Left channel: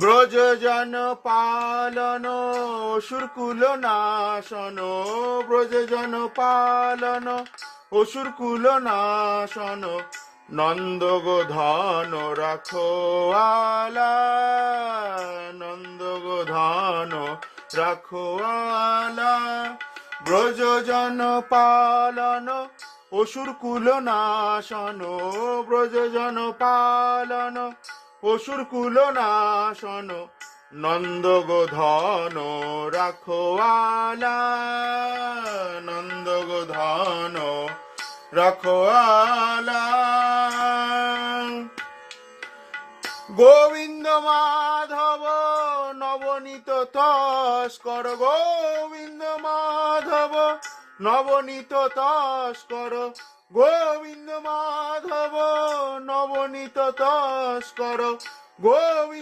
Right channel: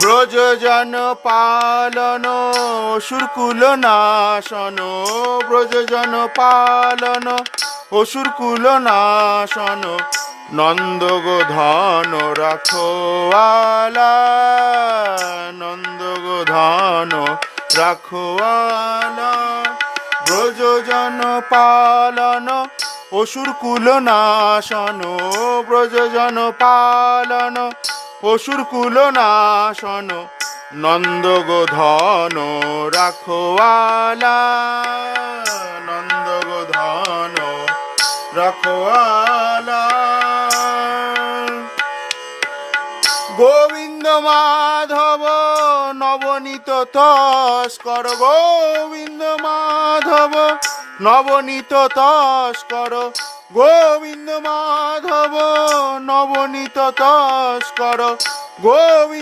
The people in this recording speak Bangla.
ব্রজজন পালন অসুরকুল নাশন, ব্রজজন পালন অসুরকুল নাশন, নন্দগোধন রাখোয়ালা, নন্দগোধন রাখোয়ালা। ব্রজজন পালন অসুরকুল নাশন, ব্রজজন পালন অসুরকুল নাশন, নন্দগোধন রাখোয়ালা, নন্দগোধন রাখোয়ালা। গোবিন্দ মাধব নবনীত তস্কর, গোবিন্দ মাধব নবনীত তস্কর, গোবিন্দ মাধব নবনীত তস্কর, গোবিন্দ